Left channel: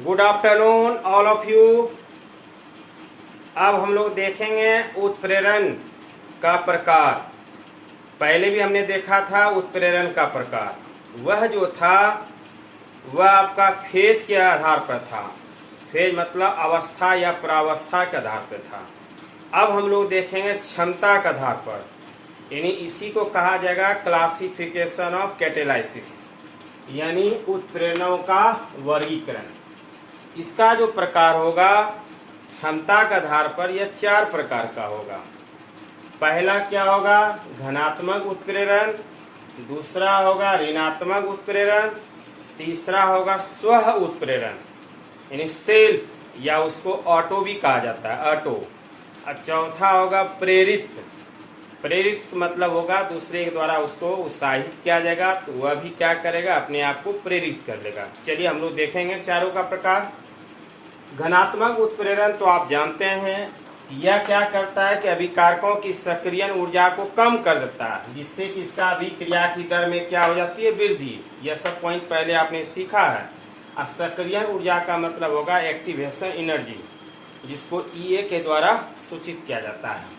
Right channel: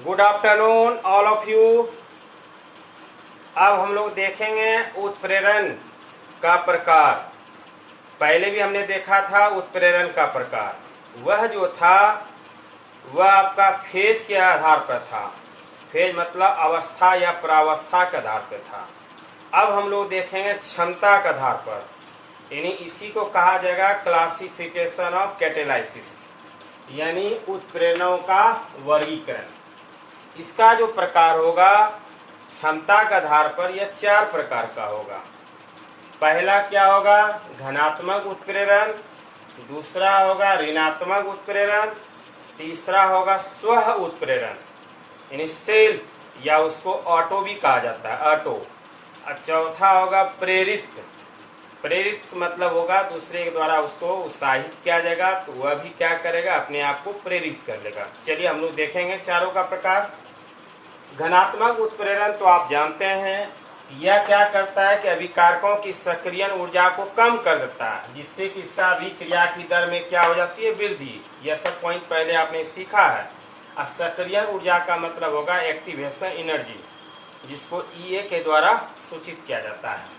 Good afternoon all of you. अब हम लोग देखेंगे उत्प्रेरण का प्रकार। पहले भी हमने देखा था उत्प्रेरण का प्रकार। वह जो था वह आपका फेज के आधार पर था। फेज मतलब अवस्था या प्रावस्था के आधार पर था। अब हम लोग देखेंगे क्षमता के आधार पर, यानी इसी को कहा जाएगा क्लासिफिकेशन ऑफ कैटेलाइसिस, यानी उत्प्रेरणों का वर्गीकरण। इसका जो प्रकार होगा क्षमता के आधार पर यह 4 प्रकार का होगा। पहला क्या होगा? धनात्मक उत्प्रेरण। दूसरा होगा ऋणात्मक उत्प्रेरण। तीसरा होगा स्व उत्प्रेरण, यानी सेल्फ, या उसको ऑटो भी कहा जाता है, ऑटो। और चौथा होगा प्रेरित। प्रेरित मतलब होगा दूसरे के द्वारा उसको उत्साहित किया जाएगा, तो वह भी क्या करेगा, अपने आप को प्रेरित कर लेगा। चलिए हम लोग देखेंगे चारों का प्रकार। घनात्मक उत्प्रेरण तो आप जानते हैं, यह क्या करता है कि अभिकारकों की सक्रियण ऊर्जा को कम कर देता है, जिससे कि इसका अभिक्रिया की दर में क्या हो जाती है, वृद्धि। यह सब पॉइंट पहले आपने सीखा है। और सक्रियण ऊर्जा का मतलब होगा एक्टिवेशन एनर्जी, जिसको ईए के द्वारा सूचित किया जाता है।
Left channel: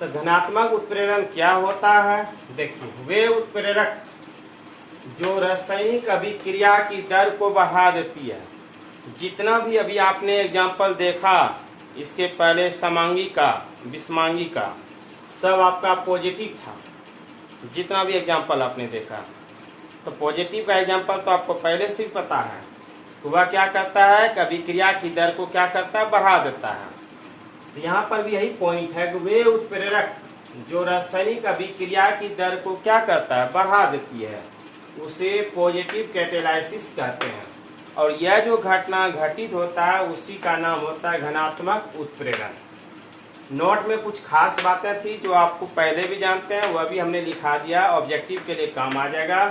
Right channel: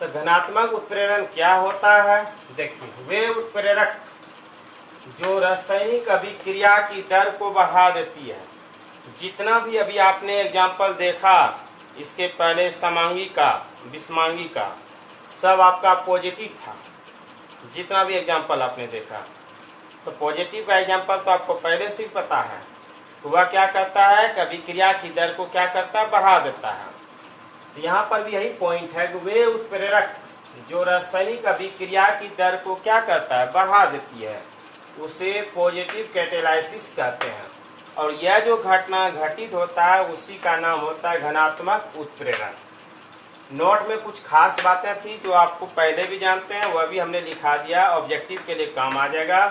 तो धनात्मक उत्प्रेरण क्या होता है? देखिए, वे उत्प्रेरक जो रासायनिक अभिक्रिया की दर को बढ़ा देती है। जितना भी अभी आपने एग्जाम्पल देखा, इसके पहले समांगी का, विषमांगी का, सब आपका पॉजिटिव था। जितना भी एग्जाम्पल आपने देखा, तो पॉजिटिव का एग्जाम्पल तो आपको पहले से ही पता है। तो वह क्या करता है कि अभिक्रिया की दर को क्या करता है, बढ़ा देता है। तो यहाँ पर भी यही पॉइंट है कि वे उत्प्रेरक जो रासायनिक अभिक्रिया की दर को क्या करता है, बढ़ा देती है, उसे पॉजिटिव कैटेलाइसिस कहते हैं। और यह जो घटना घटित होता है उसी का नाम होता है धनात्मक उत्प्रेरण। नोट में कुछ खास बातें थी जो आपको पहले भी जानते हैं, वह भी हमने लिखा दिया, ऑब्जेक्टिव के लिए काम आ जाएगा।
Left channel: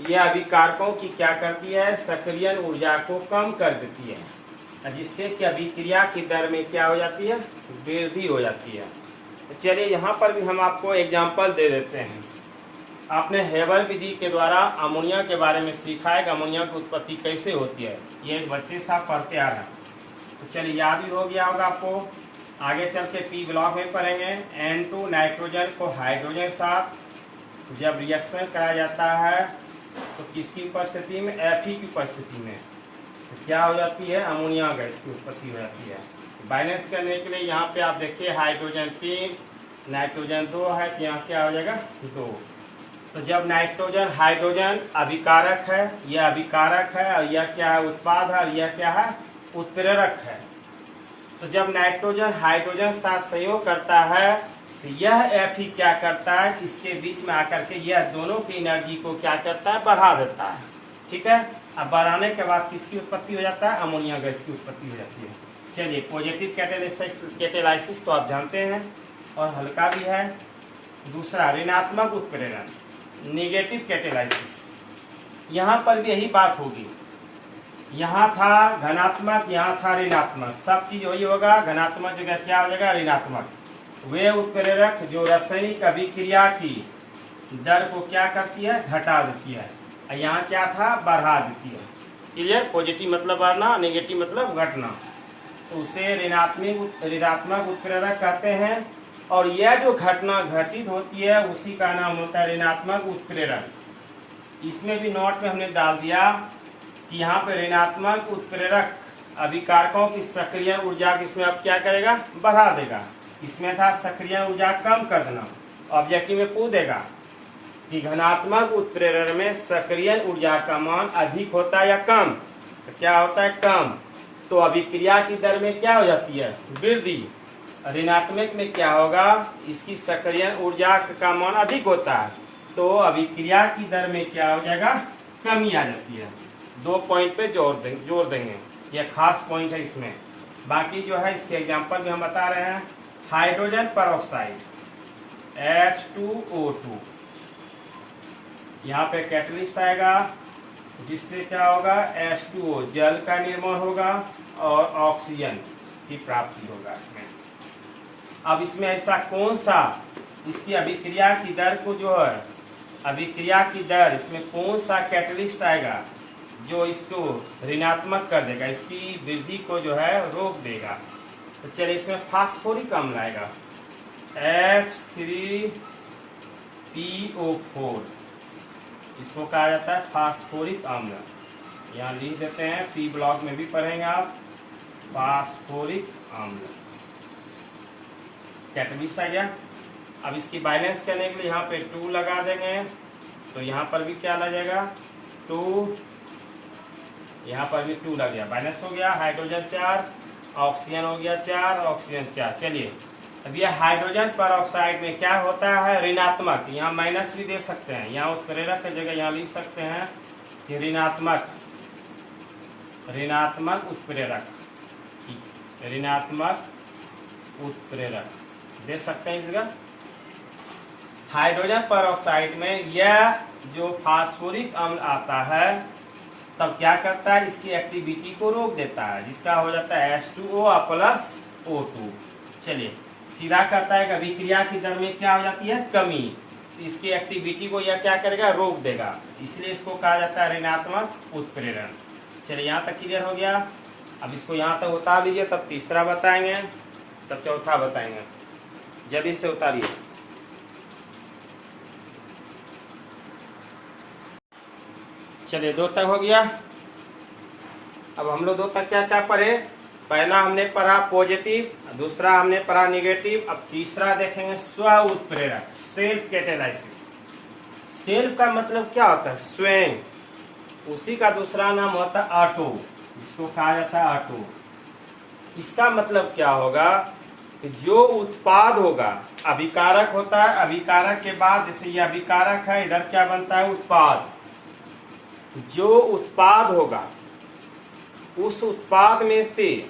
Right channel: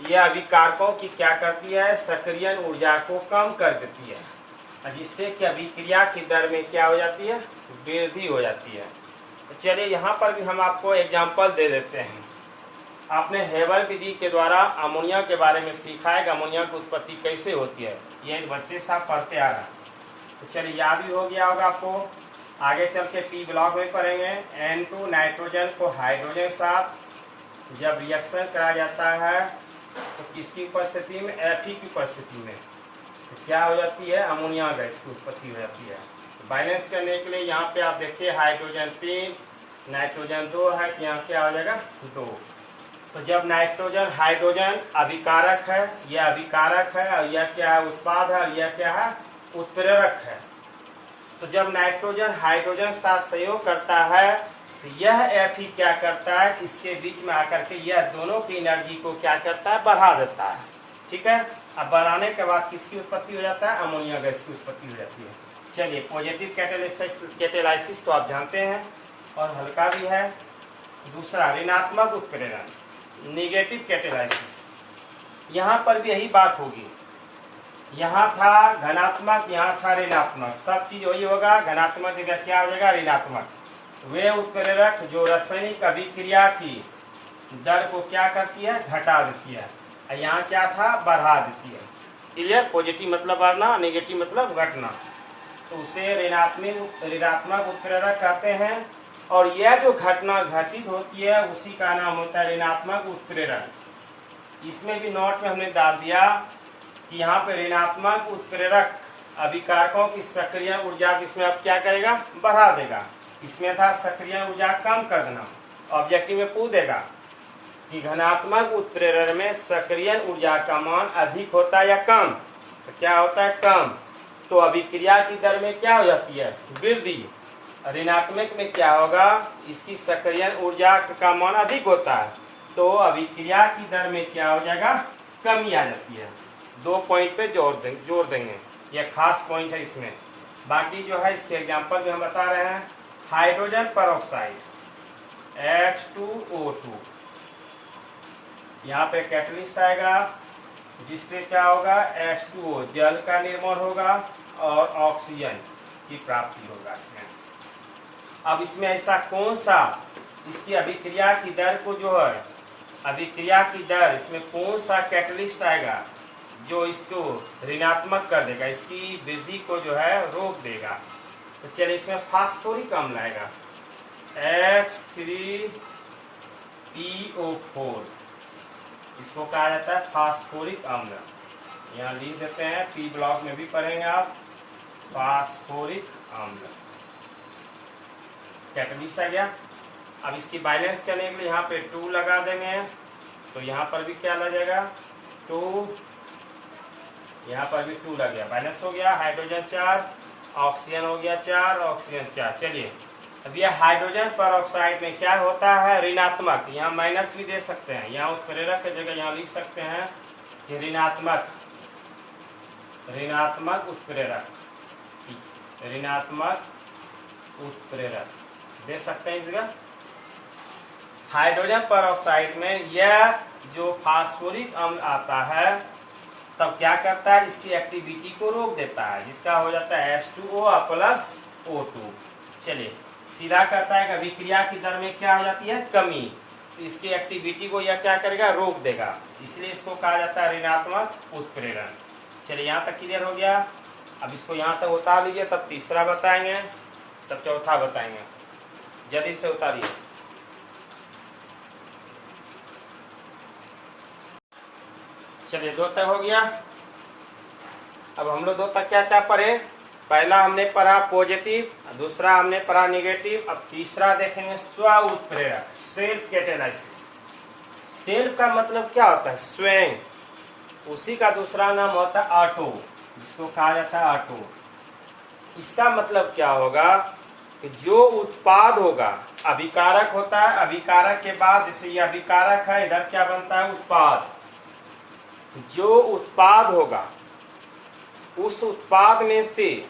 यह अभिकारकों की क्या करती है, सक्रियण ऊर्जा को कम कर देती है, जिससे कि अभिक्रिया की दर में क्या हो जाती है, वृद्धि हो जाती है। तो चलिए यहाँ पर भी हम आपको एग्जाम्पल दे देते हैं। आपने हेबर विधि के द्वारा अमोनिया के बारे में सीखा है कि अमोनिया की उत्पत्ति कैसे होती है। ये बच्चे साहब पढ़ते आ रहे हैं, तो चलिए याद भी हो गया होगा आपको। आगे चल के पी ब्लॉक में पढ़ेंगे। N2 नाइट्रोजन को हाइड्रोजन साथ जब रिएक्शन कराया जाता है तो किसकी उपस्थिति में, Fe की उपस्थिति में, तो क्या हो जाती है, अमोनिया गैस की उत्पत्ति हो जाती है। तो बैलेंस करने के लिए यहाँ पे आप देखिए हाइड्रोजन 3 नाइट्रोजन 2 है, तो यहाँ क्या हो जाएगा, 2। तो जब नाइट्रोजन हाइड्रोजन अभिकारक है, यह अभिकारक है, और यह क्या है, उत्पाद है, और यह क्या है, उत्प्रेरक है। तो जब नाइट्रोजन हाइड्रोजन साथ संयोग करता है, तो यह Fe क्या करता है, इसके बीच में आकर के यह दोनों की एनर्जी को क्या करता है, बढ़ा देता है। ठीक है। अब बढ़ाने के बाद किसकी उत्पत्ति हो जाता है, अमोनिया गैस की उत्पत्ति हो जाती है। चलिए, पॉजिटिव कैटेलाइसिस तो आप जानते हैं और हल्का भी है। दूसरा ऋणात्मक उत्प्रेरण, नेगेटिव कैटेलाइसिस। यहाँ पर भी यही बात होगी। यहाँ था धनात्मक, यहाँ था ऋणात्मक, सब चीज वही होगा। धनात्मक जगह क्या हो जाएगा, ऋणात्मक। वे उत्प्रेरक जो रासायनिक अभिक्रिया की दर को क्या करती है, घटा देती है। यहाँ क्या था, बढ़ा देती है। क्लियर? पॉजिटिव मतलब बढ़ना, नेगेटिव मतलब घटना। तो उसे ऋणात्मक उत्प्रेरक कहते हैं। और यह जो घटना घटित होती है उसी का नाम होता है ऋणात्मक उत्प्रेरण। इसमें भी नोट में हमने डाल दिया कि यहाँ पे ऋणात्मक उत्प्रेरक अभिकारकों की सक्रियण ऊर्जा किसमें अब क्या करेगा, बढ़ा देगा। इसमें था सक्रियण ऊर्जा कम कर देना। ऑब्जेक्टिव में पूछ देगा कि धनात्मक उत्प्रेरण में सक्रियण ऊर्जा का मान अधिक होता है या कम, तो क्या होता है, कम। तो अभिक्रिया की दर में क्या हो जाती है, वृद्धि। ऋणात्मक में क्या होगा, इसकी सक्रियण ऊर्जा का मान अधिक होता है, तो अभिक्रिया की दर में क्या हो जाएगा, कमी आ जाती है। 2 पॉइंट पे जोर देंगे, यह खास पॉइंट है इसमें। बाकी जो है इसके एग्जांपल में हम बता रहे हैं। हाइड्रोजन परऑक्साइड H2O2, यहाँ पे कैटलिस्ट आएगा, जिससे क्या होगा, H2O जल का निर्माण होगा और ऑक्सीजन की प्राप्ति होगा इसमें। अब इसमें ऐसा कौन सा, इसकी अभिक्रिया की दर को जो है, अभिक्रिया की दर, इसमें कौन सा कैटलिस्ट आएगा, जो इसको ऋणात्मक कर देगा, इसकी वृद्धि को जो है रोक देगा। तो चलिए इसमें फास्फोरिक अम्ल आएगा H3PO4, इसको कहा जाता है फास्फोरिक अम्ल। यहाँ लिख देते हैं, पी ब्लॉक में भी पढ़ेंगे आप, फास्फोरिक अम्ल। कैटलिस्ट आ गया। अब इसकी बैलेंस करने के लिए यहाँ पे 2 लगा देंगे, तो यहाँ पर भी क्या लग जाएगा 2, यहाँ पर भी 2 लग गया, बैलेंस हो गया। हाइड्रोजन 4, ऑक्सीजन हो गया 4, ऑक्सीजन 4। चलिए अब ये हाइड्रोजन पर ऑक्साइड में क्या होता है ऋणात्मक, यहाँ माइनस भी दे सकते हैं, यहाँ उत्प्रेरक की जगह यहाँ लिख सकते हैं कि ऋणात्मक उत्प्रेरक, ऋणात्मक उत्प्रेरक दे सकते हैं इस जगह। हाइड्रोजन पर ऑक्साइड में यह जो फास्फोरिक अम्ल आता है तब क्या करता है, इसकी एक्टिविटी को रोक देता है, जिसका हो जाता है H2O प्लस O2। चलिए सीधा कहता है कि अभिक्रिया की दर में क्या हो जाती है कमी, इसकी एक्टिविटी को यह क्या करेगा रोक देगा, इसलिए इसको कहा जाता है ऋणात्मक उत्प्रेरण। चलिए यहाँ तक क्लियर हो गया। अब इसको यहाँ तक उतार लीजिए, तब तीसरा बताएंगे, तब चौथा बताएंगे, जल्दी से उतारिए। चलिए 2 तक हो गया। अब हम लोग 2 तक क्या क्या पढ़े, पहला हमने पढ़ा पॉजिटिव, दूसरा हमने पढ़ा निगेटिव, अब तीसरा देखेंगे स्व उत्प्रेरक, सेल्फ कैटेलाइसिस। सेल्फ का मतलब क्या होता है स्वयं, उसी का दूसरा नाम होता है ऑटो, जिसको कहा जाता है ऑटो। इसका मतलब क्या होगा कि जो उत्पाद होगा, अभिकारक होता है, अभिकारक के बाद जैसे ये अभिकारक है, इधर क्या बनता है उत्पाद, जो उत्पाद होगा उस उत्पाद में से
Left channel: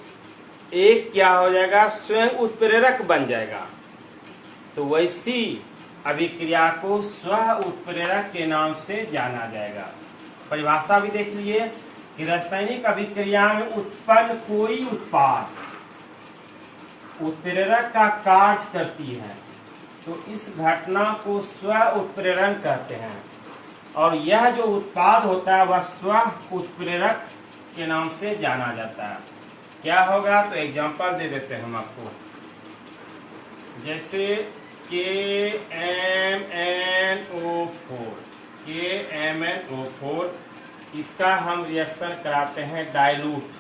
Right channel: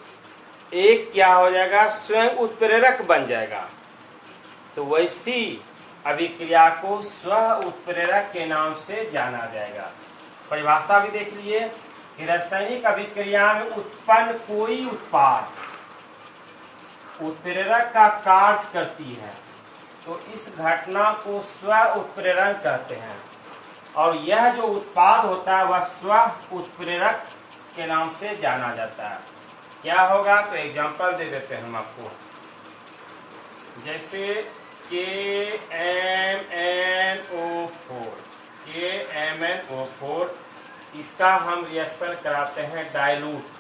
एक क्या हो जाएगा स्वयं उत्प्रेरक बन जाएगा, तो वैसी अभिक्रिया को स्व उत्प्रेरक के नाम से जाना जाएगा। परिभाषा भी देख लिए कि रासायनिक अभिक्रिया में उत्पन्न कोई उत्पाद उत्प्रेरक का कार्य करती है तो इस घटना को स्व उत्प्रेरण कहते हैं, और यह जो उत्पाद होता है वह स्व उत्प्रेरक के नाम से जाना जाता है। क्या होगा तो एग्जांपल दे देते हैं हम आपको, जैसे KMnO4, इसका हम रिएक्शन कराते हैं डाइल्यूट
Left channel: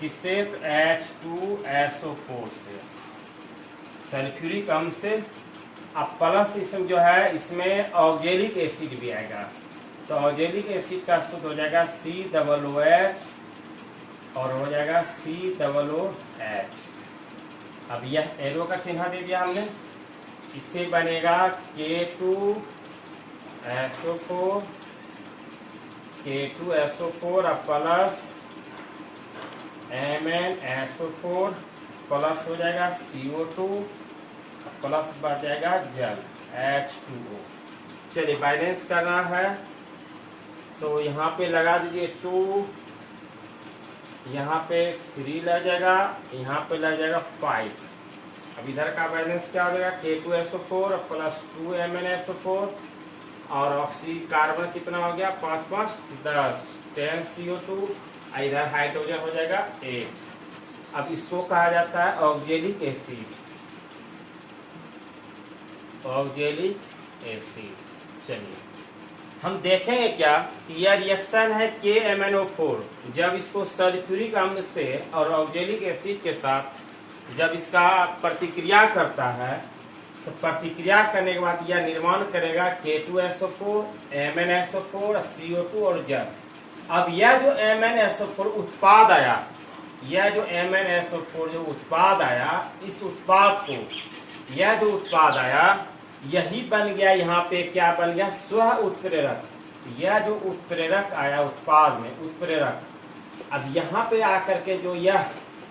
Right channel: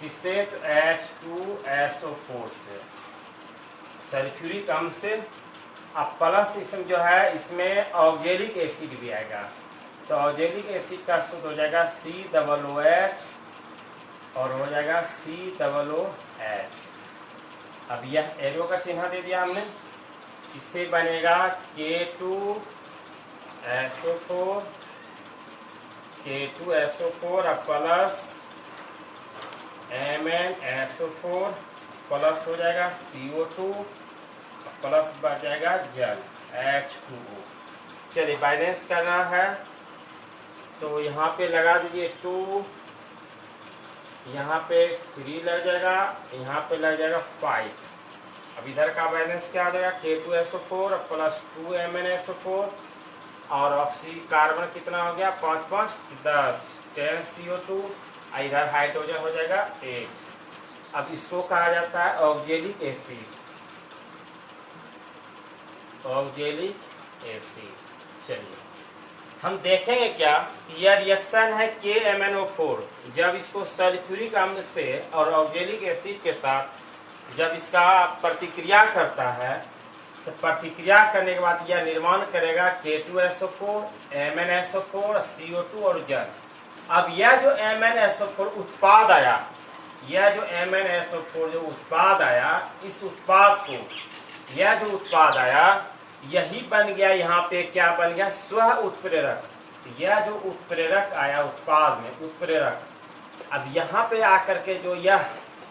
किससे, तो H2SO4 से, सल्फ्यूरिक अम्ल से। अब प्लस इसमें जो है इसमें ऑक्जेलिक एसिड भी आएगा, तो ऑक्जेलिक एसिड का सूत्र हो जाएगा COOH और हो जाएगा COOH। अब यह एरो का चिन्ह दे दिया हमने, इससे बनेगा K2SO4 अब प्लस MnSO4 प्लस हो जाएगा CO2 प्लस बढ़ जाएगा जल H2O। चलिए बैलेंस करना है, तो यहाँ पे लगा दीजिए 2, यहाँ पे 3 लग जाएगा, यहाँ पे लग जाएगा 5। अब इधर का बैलेंस क्या आ जाएगा K2SO4 प्लस 2MnSO4 और ऑक्सीजन कार्बन कितना हो गया 5 5 10 10 CO2, इधर हाइड्रोजन हो जाएगा 8। अब इसको कहा जाता है ऑक्जेलिक एसिड, ऑक्जेलिक एसिड। चलिए हम देखेंगे क्या कि यह रिएक्शन है KMnO4, जब इसको सल्फ्यूरिक अम्ल से और ऑक्जेलिक एसिड के साथ जब इसका प्रतिक्रिया करता है तो प्रतिक्रिया करने के बाद यह निर्माण करेगा K2SO4, MnSO4, CO2 और जल। अब यह जो MnSO4 उत्पाद आया, यह जो MnSO4 जो उत्पाद आया, इस उत्पाद को, यह जो उत्पाद आया यही बन गया, यहाँ पे क्या बन गया स्व उत्प्रेरक। यह जो उत्प्रेरक आया उत्पाद में उत्प्रेरक, अब यहाँ पे आकर के जो यह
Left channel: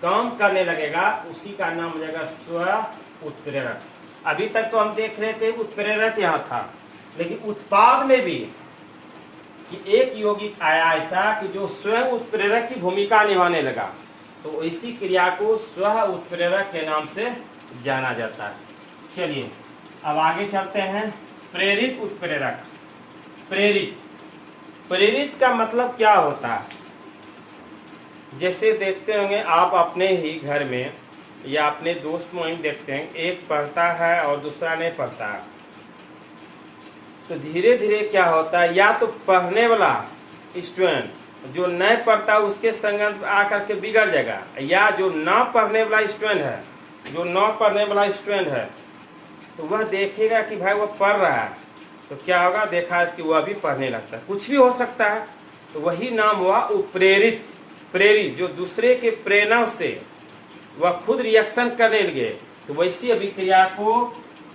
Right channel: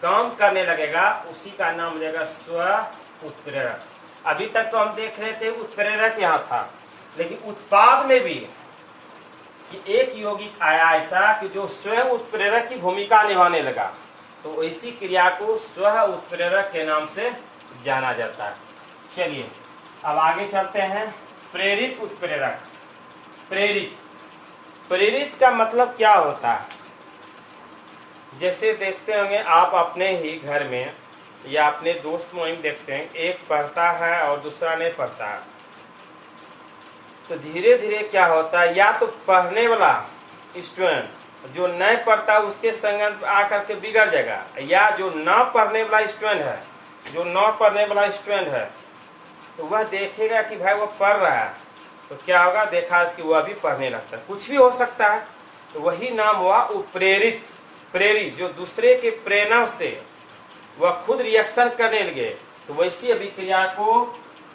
काम करने लगेगा उसी का नाम हो जाएगा स्व उत्प्रेरक। अभी तक तो हम देख रहे थे उत्प्रेरक यहाँ था, लेकिन उत्पाद में भी कि एक यौगिक आया ऐसा कि जो स्वयं उत्प्रेरक की भूमिका निभाने लगा, तो इसी क्रिया को स्व उत्प्रेरक के नाम से जाना जाता है। चलिए अब आगे चलते हैं। प्रेरित उत्प्रेरक, प्रेरित प्रेरित का मतलब क्या होता है? जैसे देखते होंगे आप अपने ही घर में या अपने दोस्त मुहिम देखते हैं, एक पढ़ता है और दूसरा नहीं पढ़ता है, तो धीरे धीरे क्या होता है, या तो पढ़ने वाला स्टूडेंट जो नहीं पढ़ता उसके संगत आकर के बिगड़ जाएगा, या जो ना पढ़ने वाला स्टूडेंट है, जो ना पढ़ने वाला स्टूडेंट है, तो वह देखेगा कि भाई वह पढ़ रहा है, तो क्या होगा, देखा इसकी वह भी पढ़ने लगता है। कुछ भी हो सकता है, तो वही नाम हुआ उत्प्रेरित। प्रेरित जो दूसरे के प्रेरणा से वह खुद रिएक्शन करने लगे, तो वैसी अभिक्रिया को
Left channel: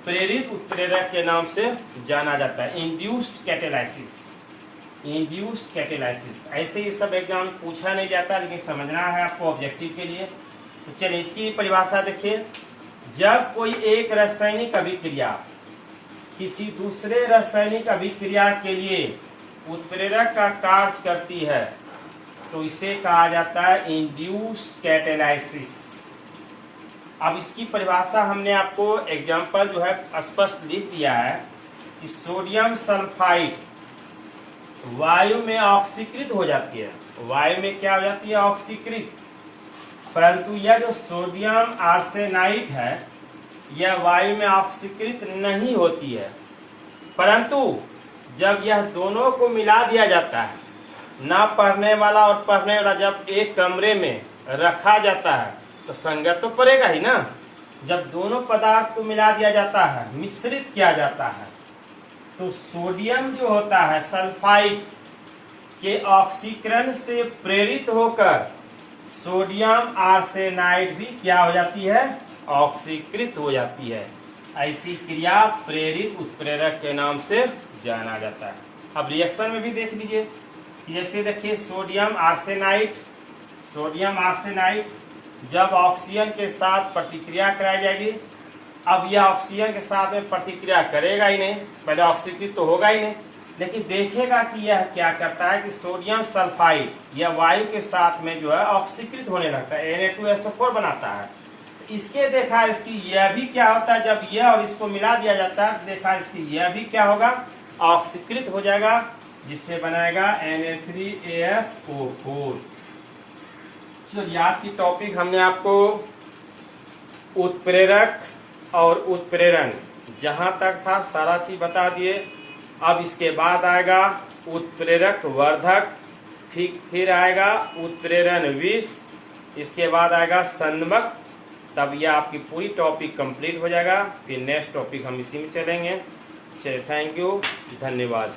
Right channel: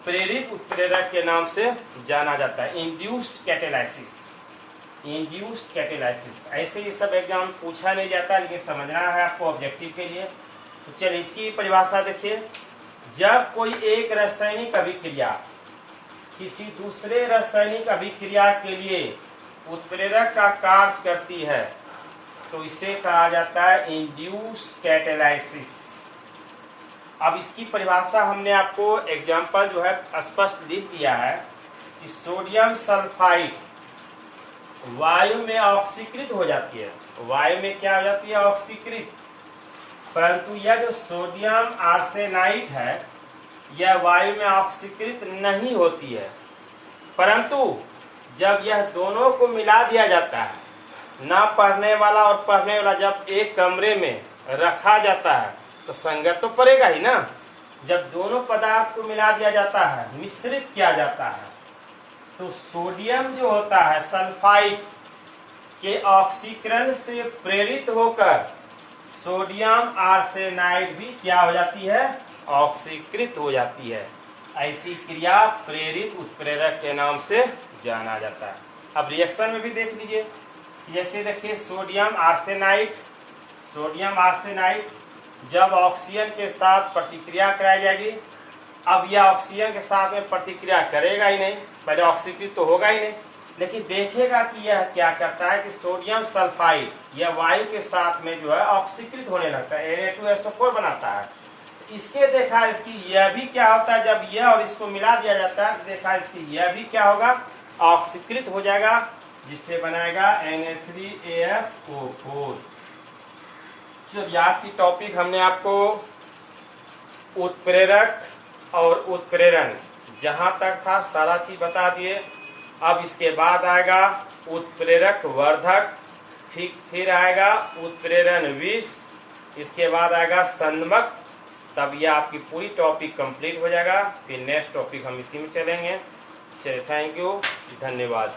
प्रेरित उत्प्रेरक के नाम से जाना जाता है। Induced catalysis, induced catalysis. ऐसे ही सब एग्जाम पूछा नहीं जाता, लेकिन समझना है आपको ऑब्जेक्टिव के लिए। तो चलिए इसकी परिभाषा देखिए। जब कोई एक रासायनिक अभिक्रिया किसी दूसरे रासायनिक अभिक्रिया के लिए उत्प्रेरक का कार्य करती है, तो इसे कहा जाता है इंड्यूस्ड कैटेलाइसिस। अब इसकी परिभाषा हमने आपको एग्जाम्पल जो है स्पष्ट लिख दिया है कि सोडियम सल्फाइड वायु में ऑक्सीकृत हो जाती है। वायु में क्या हो जाती है? ऑक्सीकृत। परंतु यह जो सोडियम आर्सेनाइड है यह वायु में ऑक्सीकृत नहीं होती है, परंतु जब यह दोनों को मिला दिया जाता है, ना पढ़ने वाला और पढ़ने वाला जब एक कमरे में रखा जाता है, तो संगत तो पड़ेगा ही ना। जब दोनों पदार्थ को मिला दिया जाता है, मिश्रित किया जाता है, तो सोडियम जो होता है सल्फाइड के ऑक्सीकरण से प्रेरित होकर सोडियम आर्सेनाइड भी क्या हो जाती है? ऑक्सीकृत हो जाती है। ऐसी क्रिया प्रेरित उत्प्रेरक के नाम से जाना जाता है। अब रिएक्शन में भी देख लीजिए, जैसे देखिए सोडियम आर्सेनाइड, सोडियम आर्सेनाइड जब ऑक्सीजन के साथ प्रतिक्रिया कराई जाएगी, अब यह ऑक्सीजन के साथ में प्रतिक्रिया करेगा ही नहीं, पहले ऑक्सीकृत तो होगा ही नहीं, लेकिन देखेगा कि यह क्या करता है कि सोडियम सल्फाइड यह वायु के साथ में जो है ऑक्सीकृत होने लगता है, Na2SO4 बनाता है। इसके देखा इसकी यह भी क्या होता है, जब यह और इसको मिला दिया जाता है, देखा इसकी यह भी क्या होगा? ऑक्सीकृत हो जाएगा, जिससे बनाएगा Na3ASO4। चलिए आज की टॉपिक हमने आपको उत्प्रेरक और उत्प्रेरण जहां तक था सारा चीज बता दिए। अब इसके बाद आएगा उत्प्रेरक वर्धक, फिर आएगा उत्प्रेरण विष, इसके बाद आएगा संदमक। तब यह आपकी पूरी टॉपिक कंप्लीट हो जाएगा। फिर नेक्स्ट टॉपिक हम इसी में चलेंगे। चलिए, थैंक यू, धन्यवाद।